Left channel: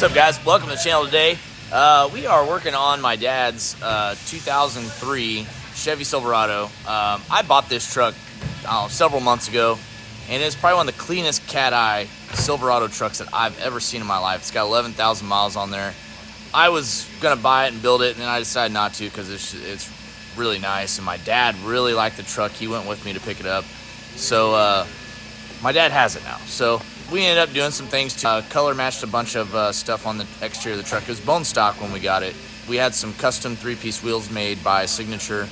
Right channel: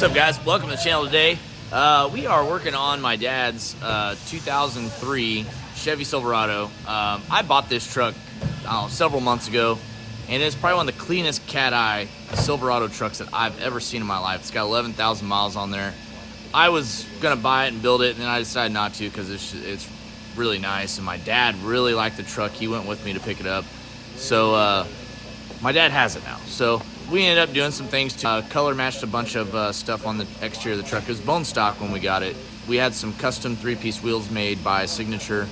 What's up, guys? Welcome to the channel today. We are working on my dad's 2003 Chevy Silverado. I bought this truck several months ago, and it's probably one of the cleanest cat-eye Silverado trucks that I've ever seen in my life. It's got 11,000 miles on there. I was going to buy it and build it, and then I decided not to because it's really nice, and my dad really liked the truck. He went with me to pick it up. So my dad has it now. So we ended up doing some things to color matched a bunch of stuff on the exterior of the truck. It was bone stock when we got it. We had some custom three-piece wheels made by Signature,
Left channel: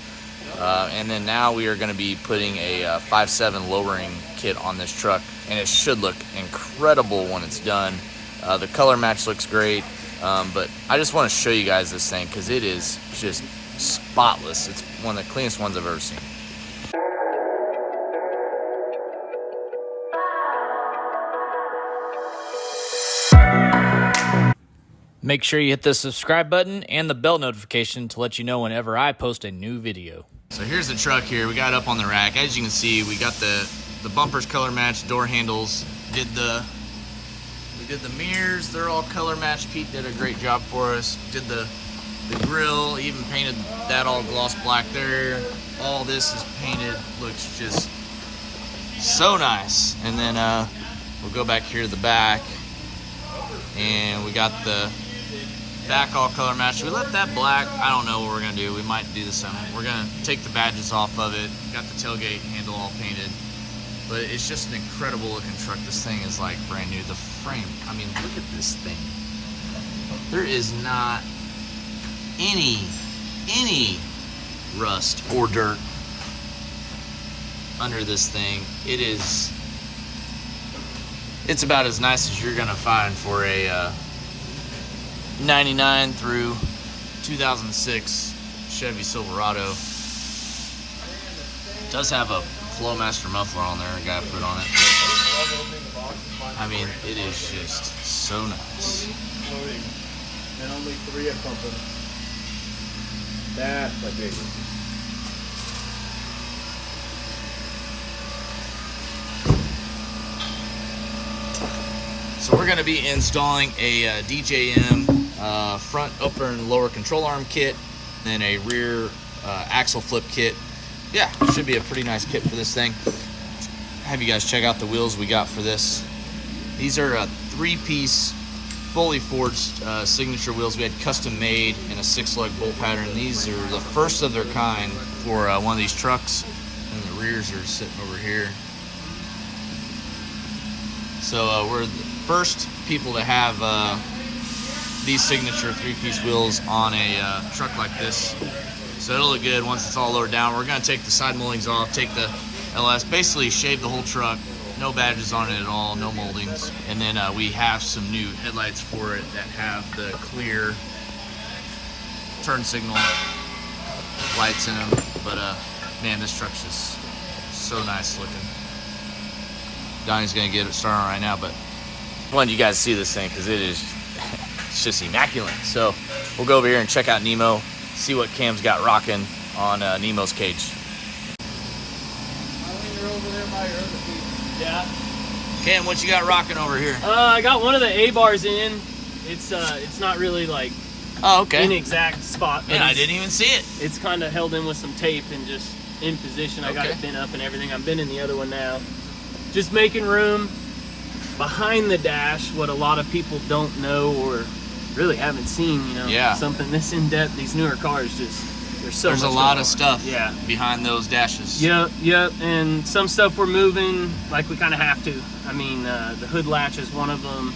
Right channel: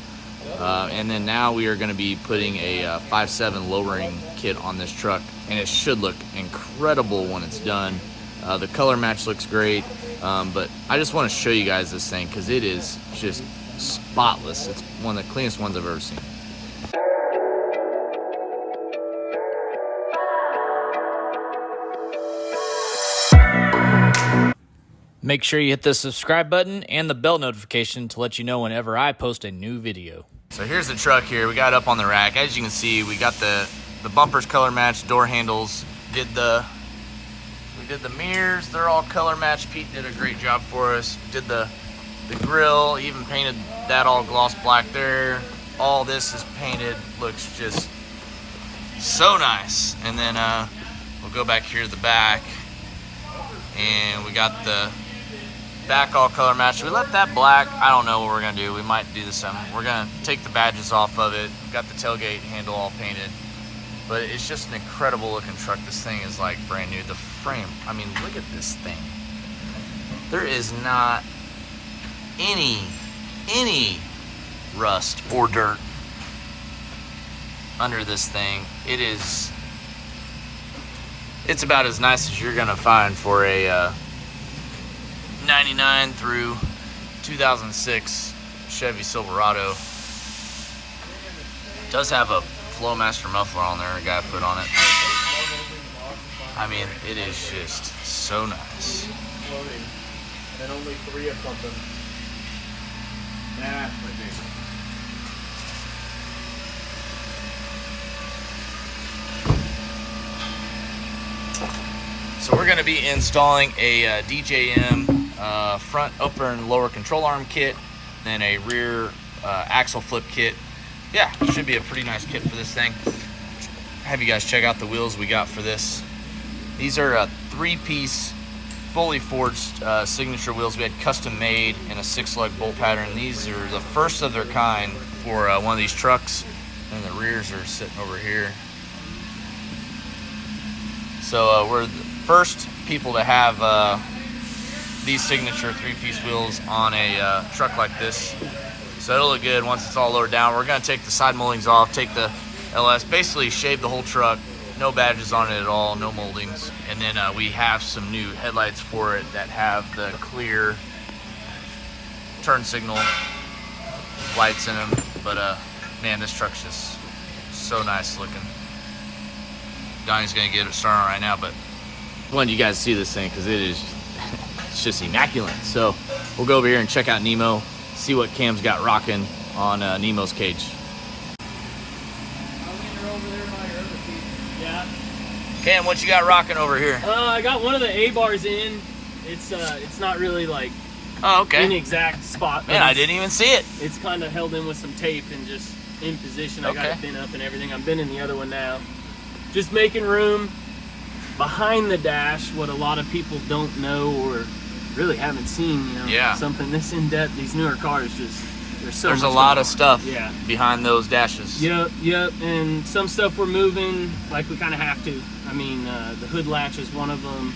and then now we are going to be putting a 5.7 lowering kit on this truck, and it should look incredible when it's done. The color match looks great, but I just want to show you guys this thing because it is just spotless. It's one of the cleanest ones I've ever seen. Make sure you hit the subscribe button and the bell notification to let you know whenever I post a new video. So here's the truck here. We got it up on the rack. As you can see, we got the bumpers color matched, door handles. We did the mirrors. They're all color matched. Pete did a great job for us. Did the grill. Even painted that all gloss black there. All this is painted. Looks just so nice. And then we'll go back here to the back, and we got the back all color matched. We left that black. I don't know what we're gonna do. We might do this time. We're gonna take the badges off of it. Got the tailgate handle all painted. But it's just an incredible looking truck. This thing is like brand new. The frame, I mean, look at this thing. There is not any rust or dirt under this thing. It's about as nice as you're gonna find for a 99 through 2006 Chevy Silverado. It does have a Flowmaster muffler on there, a guy put on it. I mean, it is just so nice. And only 3 of something. That's the big. So we're going to be installing a DJM front upper and lower control arm kit, then a rear axle flip kit. Yeah, should be a pretty nice kit for this thing. Have you guys check out the wheels we got for this. These are a 3-piece, fully forged Signature wheels. We had custom made in a 6-lug bolt pattern. These are the first of their kind for one of these trucks, and the rears are sitting over here. So we're the first people to have these Signature 3-piece wheels on a truck like this. So it'll look good once it's all lowered down. We're gonna take the side moldings off, take the LS, basically shave the whole truck. No badges on it at all, no moldings. And then we have some new headlights for it that have the clear turn signal lights in them. But man, this truck's just so nice looking. Donnie's gonna get it started right now, but I wanted you guys to see this thing because it is it's just immaculate. So we'll go over here and check out Nemo, see what Cam's got rocking on Nemo's cage. Yeah. Cam, what you got rocking over here? I got one of the A-bars in. It's not really like an exact spot. Man, I didn't even see it. It's kind of held in with some tape and just in position. I got it bent up and everything. I'm bending the other one now. Just making room behind the dash. What a lot of people don't know or really haven't seen, something this in depth. These newer cars there's a lot of stuff behind those dashes. Yep, and some stuff we're moving like we kind of have to. I mean, the hood latch is one of them.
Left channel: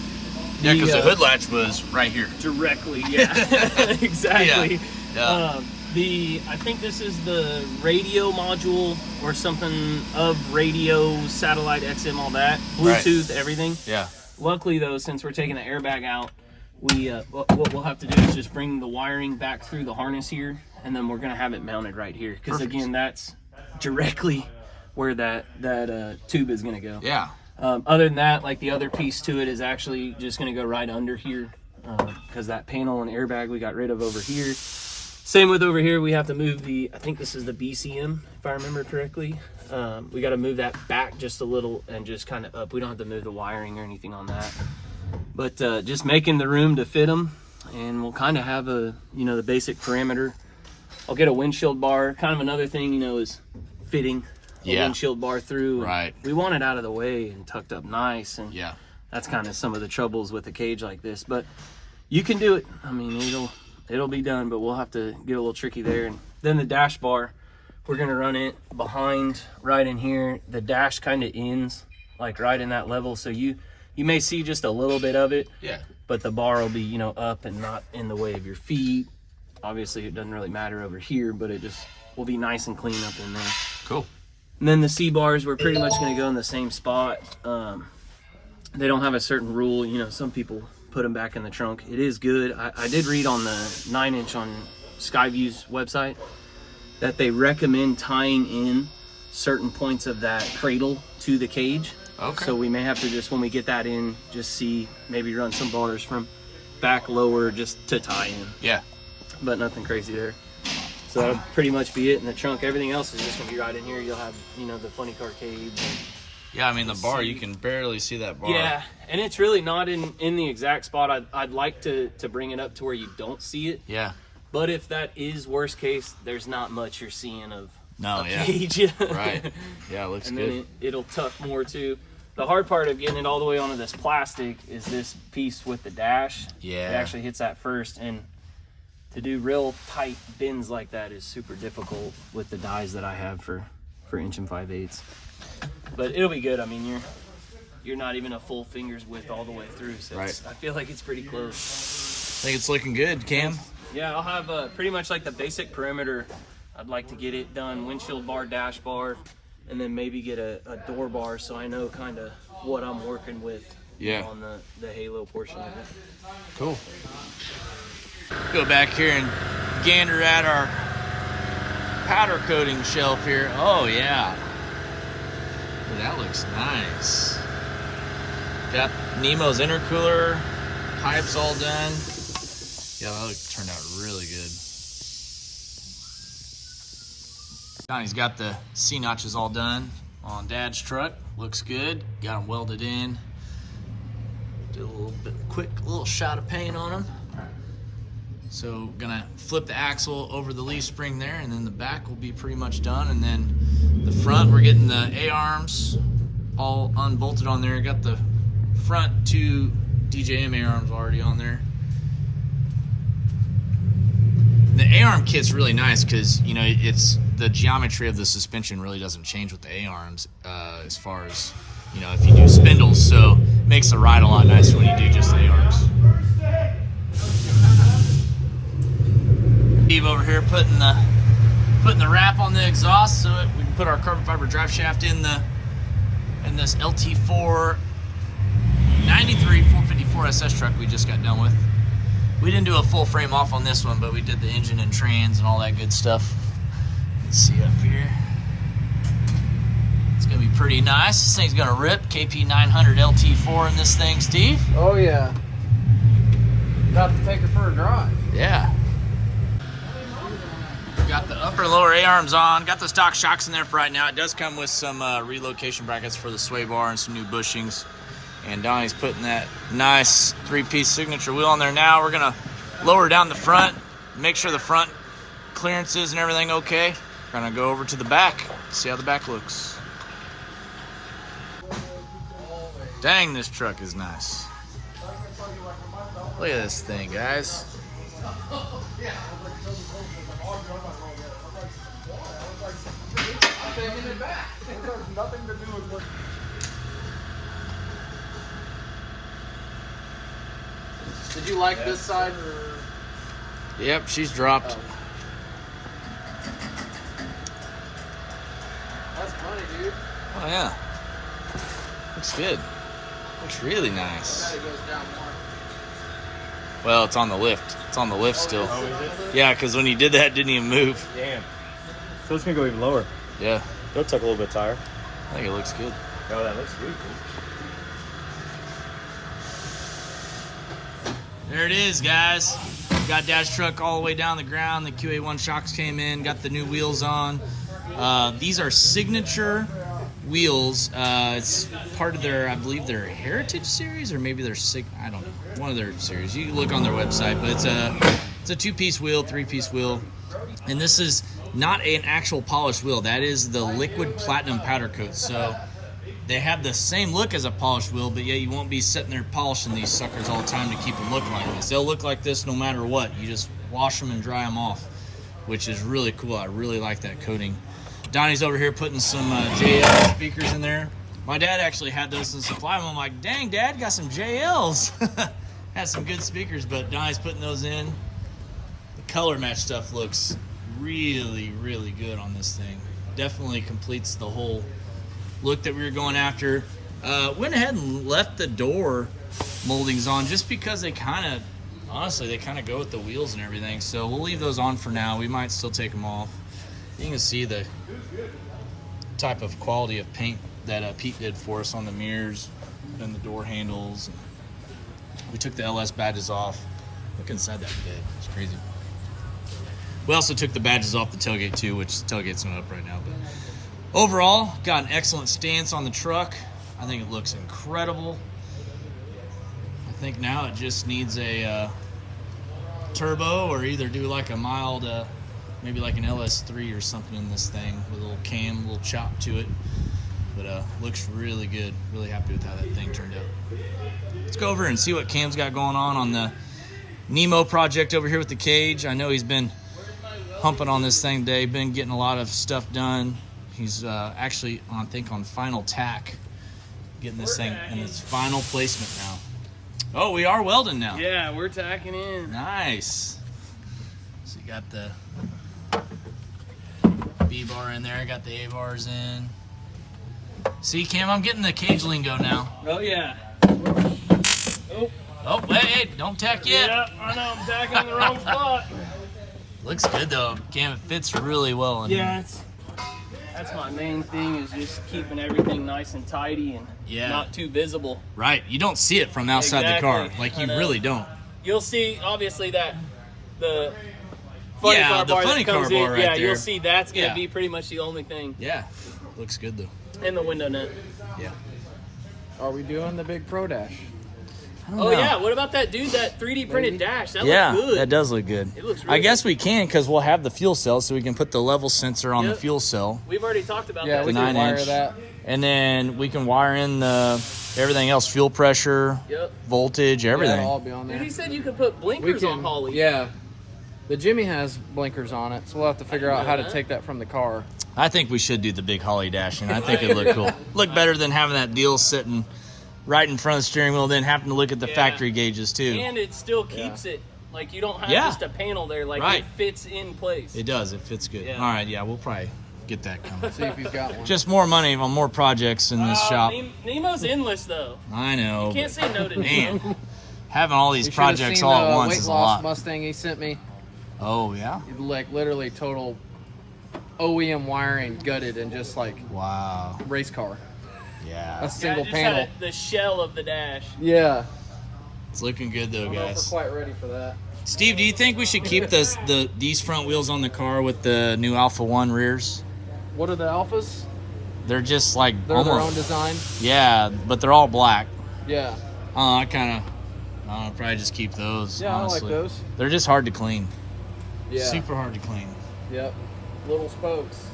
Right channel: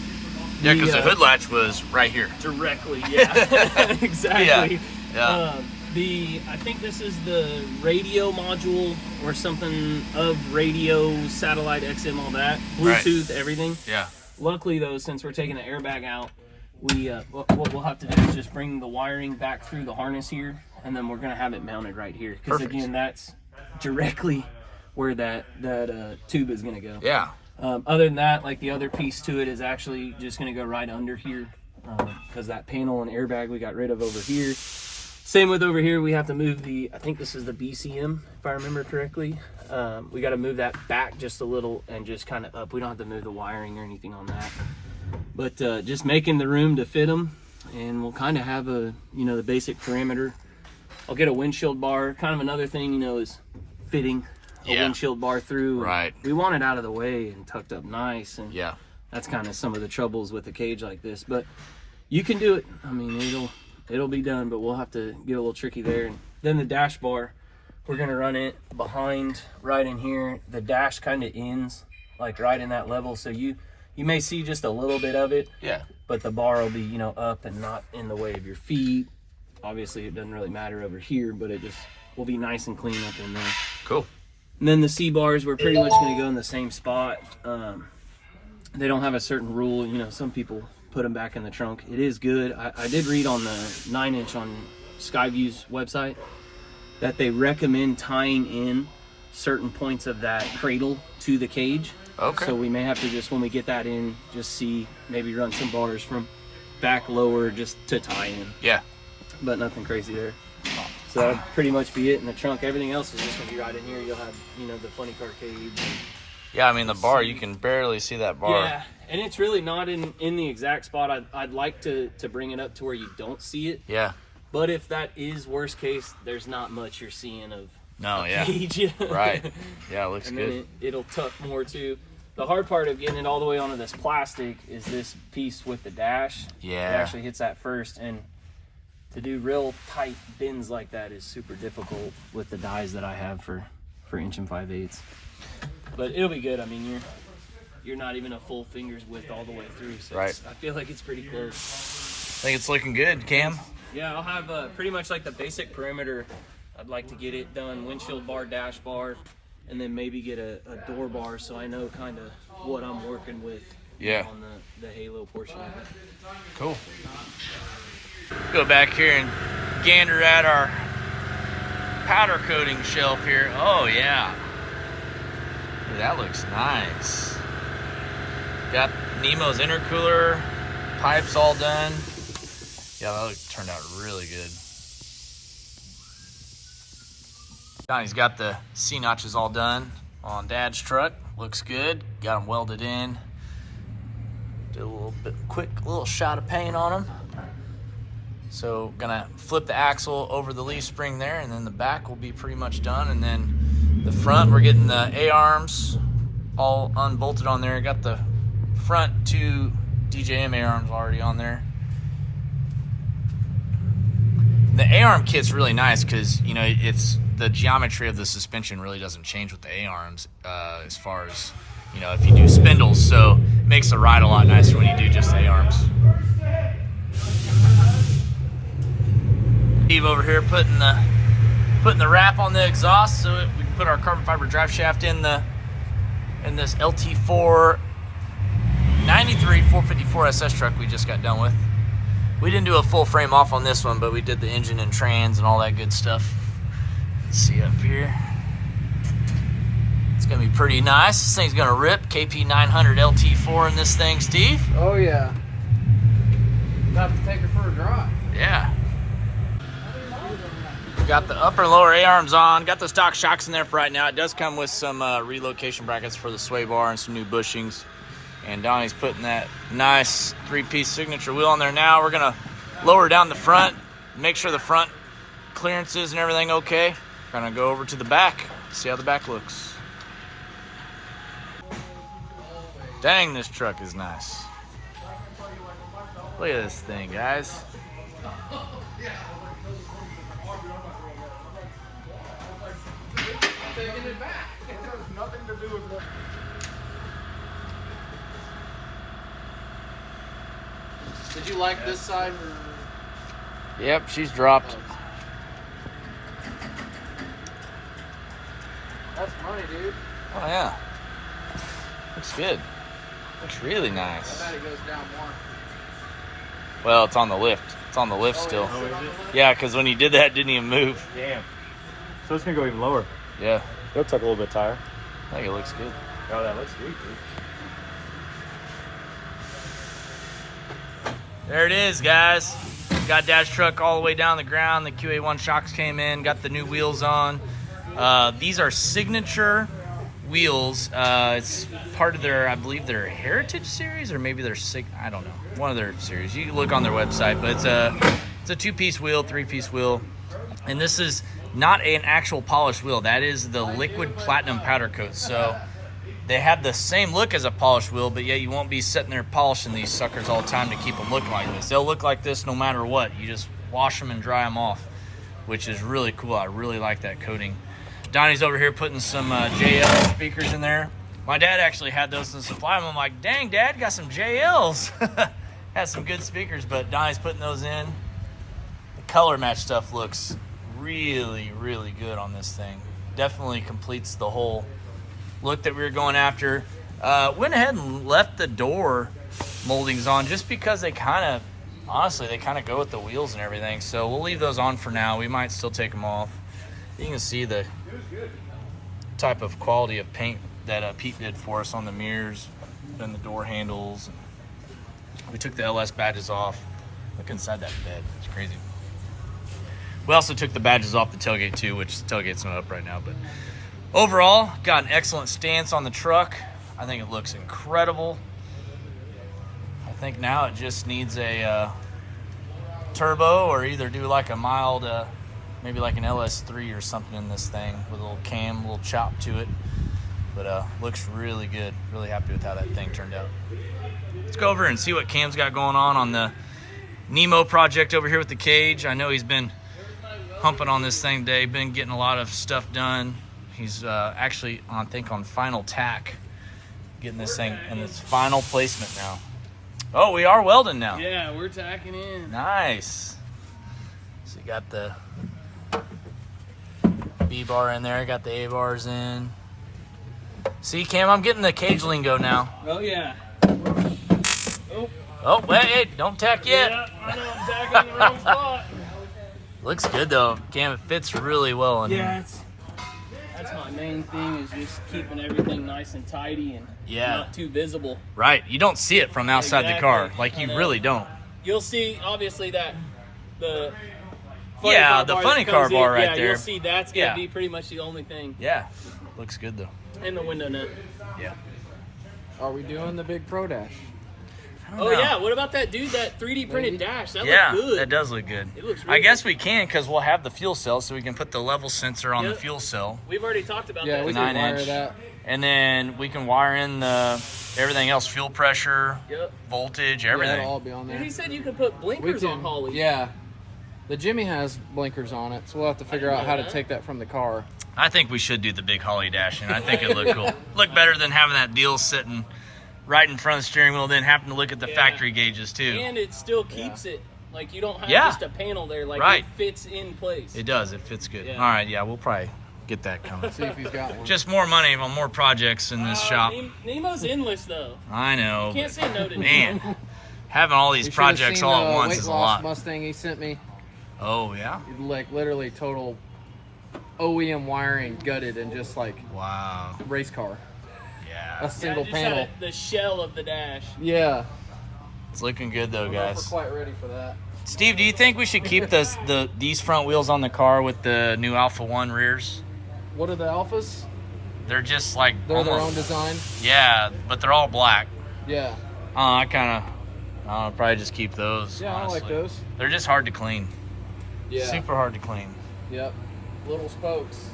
Yeah, because the hood latch was right here. Directly, yeah. Exactly. Yeah. I think this is the radio module or something of radio, satellite, XM, all that. Bluetooth, everything. Yeah. Luckily, though, since we're taking the airbag out, what we'll have to do is just bring the wiring back through the harness here, and then we're going to have it mounted right here. Because, again, that's directly where that tube is going to go. Yeah. Other than that, like the other piece to it is actually just going to go right under here because that panel and airbag we got rid of over here. Same with over here, we have to move I think this is the BCM, if I remember correctly. We got to move that back just a little and just kind of up. We don't have to move the wiring or anything on that. But just making the room to fit them, and we'll kind of have a, you know, the basic perimeter. I'll get a windshield bar. Kind of another thing, you know, is fitting a windshield bar through. Right. We want it out of the way and tucked up nice, and that's kind of some of the troubles with a cage like this. But you can do it. I mean, it'll be done, but we'll have to get a little tricky there. And then the dash bar, we're gonna run it behind right in here. The dash kind of ends like right in that level, so you may see just a little bit of it. Yeah. But the bar will be, you know, up and not in the way of your feet. Obviously, it doesn't really matter over here, but it just will be nice and clean up in there. Cool. And then the C-bars, we're pretty much going to go in the same spot. They don't have a certain rule. You know, some people put them back in the trunk. It is good. I did read on the 9-inch on Skyview's website that they recommend tying in certain points of that cradle to the cage. Okay. So we may have to just, when we get that in, just see, maybe run some bars from back lower just to tie in. Yeah. But nothing crazy there. So that'll pretty much be it in the trunk. Everything else is just gonna be right in here. You'll have, you know, the funny car cage. And yeah, I mean the bar, you can barely see that bar. yeah, and it's really not in the exact spot. I'd like to bring it up to where you don't see it. Yeah. But if that is worst case, there's not much you're seeing of a cage. Right. Yeah, it looks and good. then it'll tuck more too. The hard part of getting it all the way onto this plastic is this piece with the dash. Yeah. It actually hits that first, and to do real tight bends like that is super difficult with the dies that I have for 1 5/8". But it'll be good. I mean, you're not even a full finger's width all the way through, so right. I feel like it's pretty close. I think it's looking good, Cam. Yeah, I'll have pretty much like the basic perimeter. I'd like to get it done, windshield bar, dash bar, and then maybe get a door bar so I know kind of what I'm working with on the halo portion of it. Cool. Go back here and gander at our powder coating shelf here. Oh yeah. Dude, that looks nice. Got Nemo's intercooler, pipes all done. Yeah, that turned out really good. Donnie's got the C-notches all done on Dad's truck. Looks good. Got them welded in. Did a little bit quick little shot of paint on them. So gonna flip the axle over the leaf spring there, and then the back will be pretty much done. And then the front, we're getting the A-arms all unbolted on there. Got the front 2 DJM A-arms already on there. The A-arm kit's really nice because, you know, it's the geometry of the suspension really doesn't change with the A-arms as far as, you know, if you do spindles. So it makes the ride a lot nicer when you do just A-arms. Steve over here putting the wrap on the exhaust so we can put our carbon fiber drive shaft in this LT4 93 454 SS truck we just got done with. We didn't do a full frame off on this one, but we did the engine and trans and all that good stuff. Let's see up here. It's gonna be pretty nice. This thing's gonna rip. KP 900 LT4 in this thing, Steve. Oh yeah. About to take it for a drive. Yeah. We got the upper and lower A-arms on. Got the stock shocks in there for right now. It does come with some relocation brackets for the sway bar and some new bushings. And Donnie's putting that nice 3-piece signature wheel on there now. We're gonna lower down the front, make sure the front clearances and everything okay. We're gonna go over to the back, see how the back looks. Dang, this truck is nice. Look at this thing, guys. Taking it back. It has nothing to do with what. Did you like this side? Yep, she's dropped. That's money, dude. Oh yeah. Looks good. Looks really nice. I bet it goes down more. Well, it's on the lift. It's on the lift still. Oh, is it? Yeah, because when you did that, it didn't even move. Damn. So it's gonna go even lower. Yeah. Looks like a little bit higher. I think it looks good. Oh, that looks good, dude. There it is, guys. Got Dad's truck all the way down the ground. The QA1 shocks came in. Got the new wheels on. These are signature wheels. It's part of their, I believe, their Heritage series, or maybe their I don't know, one of their series. You can look on their website, but it's a 2-piece wheel, 3-piece wheel, and this is not an actual polished wheel. That is the liquid platinum powder coat. So they have the same look as a polished wheel, but yet you won't be sitting there polishing these suckers all the time to keep them looking like this. They'll look like this no matter what. You just wash them and dry them off, which is really cool. I really like that coating. Donnie's over here putting some JL speakers in there. My dad actually had those in supply. I'm like, dang, Dad, got some JLs. Had some good speakers, but Donnie's putting those in. The color match stuff looks really, really good on this thing. Definitely completes the whole look that we were going after. Went ahead and left the door moldings on just because they kind of, honestly, they kind of go with the wheels and everything. So we'll leave those on for now. We might still take them off. You can see the type of quality of paint that Pete did for us on the mirrors and the door handles. We took the LS badges off. Look inside that bed. It's crazy. We also took the badges off the tailgate too, which the tailgate's not up right now. But overall, got an excellent stance on the truck. I think it looks incredible. I think now it just needs a turbo, or either do like a mild, maybe like an LS3 or something in this thing with a little cam, a little chop to it. But looks really good. Really happy with how that thing turned out. Let's go over and see what Cam's got going on the Nemo project over here with the cage. I know he's been humping on this thing today, been getting a lot of stuff done. He's actually, I think, on final tack, getting this thing in its final placement now. Oh, we are welding now. Yeah, we're tacking in. Nice. So you got the B-bar in there, got the A-bars in. See, Cam, I'm getting the cage lingo now. Oh, yeah. Oh, hey, don't tack yet. Yeah, I know, I'm tacking in the wrong spot. Looks good, though. Cam, it fits really well in here. That's my main thing, is just keeping everything nice and tidy and not too visible. Right. You don't see it from outside the car. Like, you really don't. You'll see, obviously, that the funny car bar right there. You'll see that's going to be pretty much the only thing. Yeah. Looks good, though. And the window nut. Yeah. Are we doing the big Pro Dash? Oh, yeah. What about that dude, that 3D printed dash? That looks good. That does look good. It looks really I guess we can, because we'll have the fuel cell, so we can put the level sensor on the fuel cell. We've already talked about that. Yeah, we can wire that. And then we can wire in the everything else, fuel pressure, voltage, everything. Yeah, it'll all be on there. He said you could put blinkers on Holly. Yeah. The Jimmy has blinkers on it, so we'll have to figure out how to take that from the car. I think we should do the big Holly dash, and I think it'd look cool. Look better than having that deal sitting right in front of the steering wheel, then having to look at the factory gauges too. And it still keeps it, like, you don't have just a panel there, like it fits in place. It does, it fits good. Yeah. All right, we'll probably get that coming. See if he's got one. Just more money on more projects in this shop. Nemo's endless, though. I know. You can't say no to Nemo. Man, having all these projects all at once is a lot. Weight loss Mustang he sent me. Oh, yeah? Like, literally total OEM wiring, gutted, and just like race car. Yeah. A single just panel. had the shell of the dash. Yeah. It's looking good though, guys. We're quite ready for that. Steve, do you think we should keep these front wheels on the car with the new Alpha 1 rears? What are the Alphas? They're just like They're their own design? Yeah, but they're all black. Yeah. I probably just keep those. Yeah, honestly. I like those. They're just hard to clean. Yeah. Super hard to clean. Yep. Little spokes.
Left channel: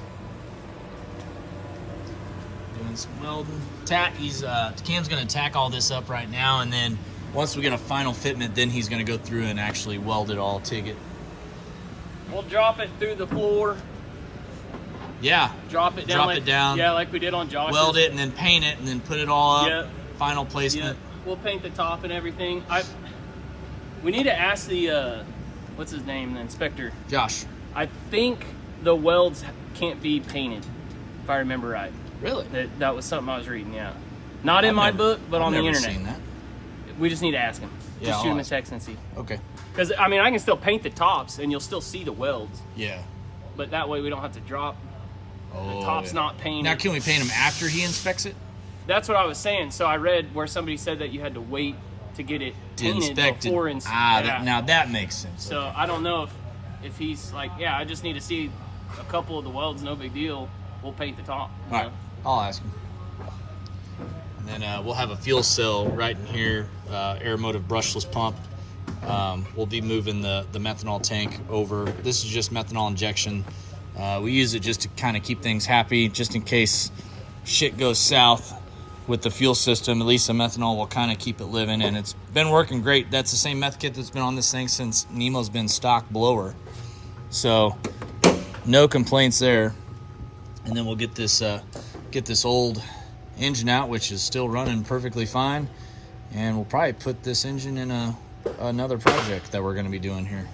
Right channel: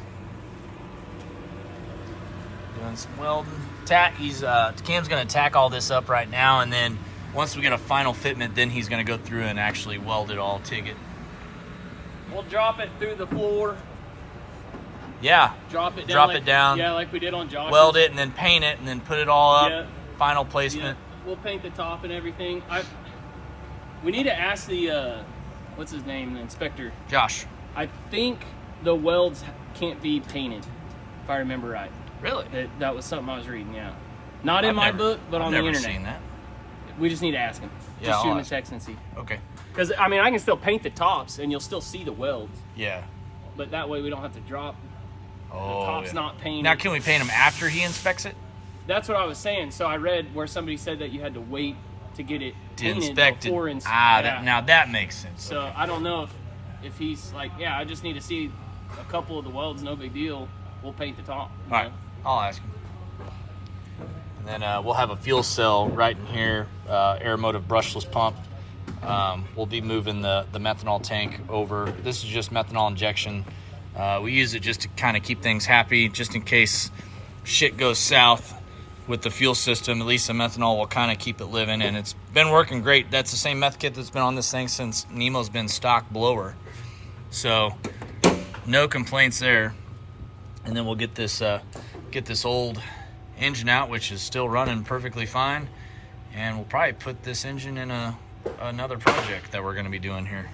Doing some welding. Cam's gonna tack all this up right now, and then once we get a final fitment, then he's gonna go through and actually weld it all, TIG it. We'll drop it through the floor. Yeah. Drop it down. Down. Yeah, like we did on Josh's. Weld it and then paint it and then put it all up. Yep. Final placement. Yep. We'll paint the top and everything. We need to ask the what's his name, the inspector. Josh. I think the welds can't be painted, if I remember right. Really? That was something I was reading, yeah. Not in my book, but on the internet. I've never seen that. We just need to ask him. Yeah, Just shoot I'll him a ask. text and see. Okay. Because, I mean, I can still paint the tops, and you'll still see the welds. Yeah. But that way we don't have to drop. Oh, The top's not painted. Now, can we paint them after he inspects it? That's what I was saying. So I read where somebody said that you had to wait to get it painted before inspecting. Now that makes sense. So I don't know if he's like, I just need to see a couple of the welds, no big deal. We'll paint the top. All right. I'll ask him. And then we'll have a fuel cell right in here, air motive brushless pump. We'll be moving the methanol tank over. This is just methanol injection. We use it just to kind of keep things happy, just in case shit goes south with the fuel system. At least the methanol will kind of keep it living, and it's been working great. That's the same meth kit that's been on this thing since Nemo's been stock blower. So no complaints there. And then we'll get this old engine out, which is still running perfectly fine, and we'll probably put this engine in another project that we're going to be doing here.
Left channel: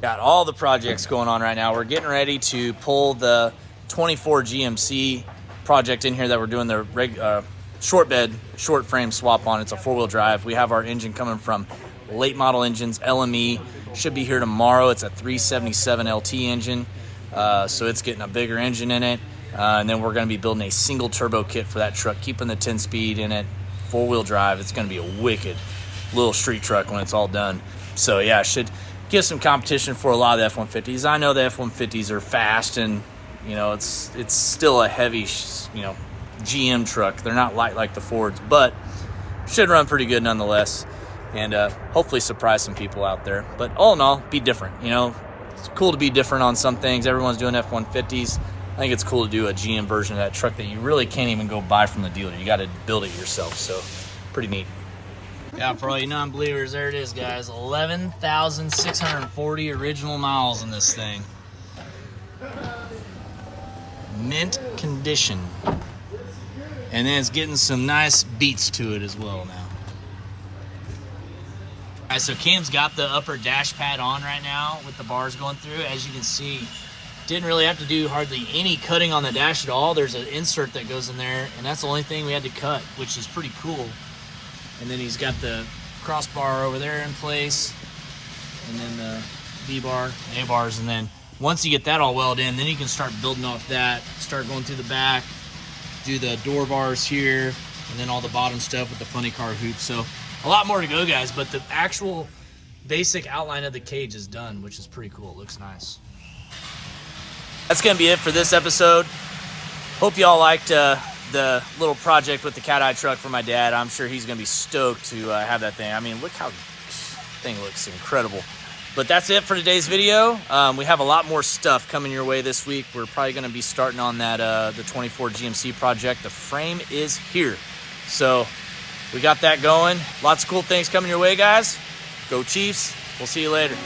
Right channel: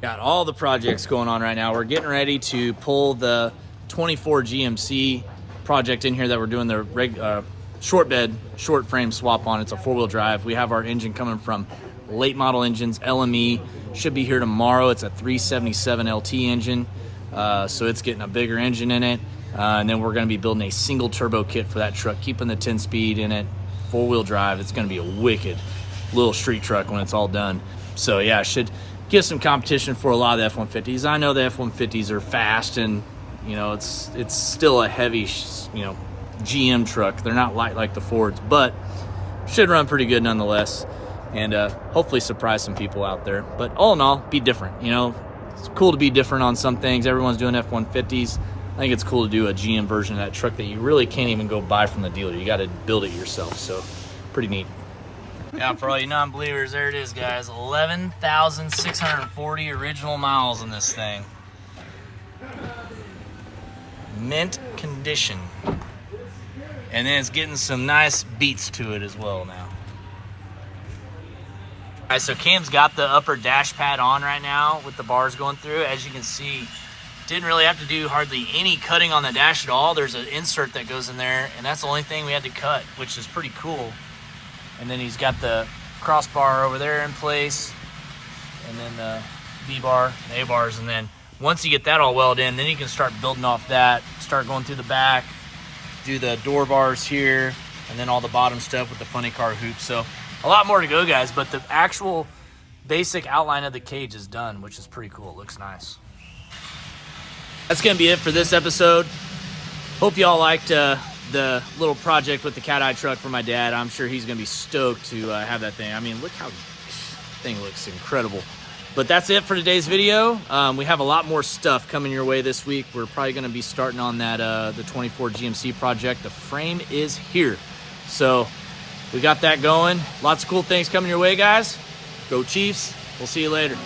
Got all the projects going on right now. We're getting ready to pull the 24 GMC project in here that we're doing the short bed, short frame swap on. It's a 4-wheel drive. We have our engine coming from late model engines, LME. Should be here tomorrow. It's a 377 LT engine. So it's getting a bigger engine in it. And then we're going to be building a single turbo kit for that truck, keeping the 10-speed in it, 4-wheel drive. It's going to be a wicked little street truck when it's all done. So yeah, should give some competition for a lot of the F-150s. I know the F-150s are fast, and you know it's still a heavy, GM truck. They're not light like the Fords, but should run pretty good nonetheless, and hopefully surprise some people out there. But all in all, be different. It's cool to be different on some things. Everyone's doing F-150s. I think it's cool to do a GM version of that truck that you really can't even go buy from the dealer. You got to build it yourself, so pretty neat. Yeah, for all you non-believers, there it is, guys. 11,640 original miles in this thing. Mint condition. And then it's getting some nice beats to it as well now. All right, so Cam's got the upper dash pad on right now with the bars going through. As you can see, didn't really have to do hardly any cutting on the dash at all. There's an insert that goes in there, and that's the only thing we had to cut, which is pretty cool. And then he's got the crossbar over there in place, and then the B-bar, the A-bars, and then once you get that all welded in, then you can start building off that, start going through the back, do the door bars here, and then all the bottom stuff with the funny car hoops. So a lot more to go, guys, but the actual basic outline of the cage is done, which is pretty cool. It looks nice. That's going to be it for this episode. Hope y'all liked the little project with the cat eye truck for my dad. I'm sure he's going to be stoked to have that thing. I mean, look how thing looks incredible. But that's it for today's video. We have a lot more stuff coming your way this week. We're probably going to be starting on that the 24 GMC project. The frame is here. So we got that going. Lots of cool things coming your way, guys. Go Chiefs. We'll see you later.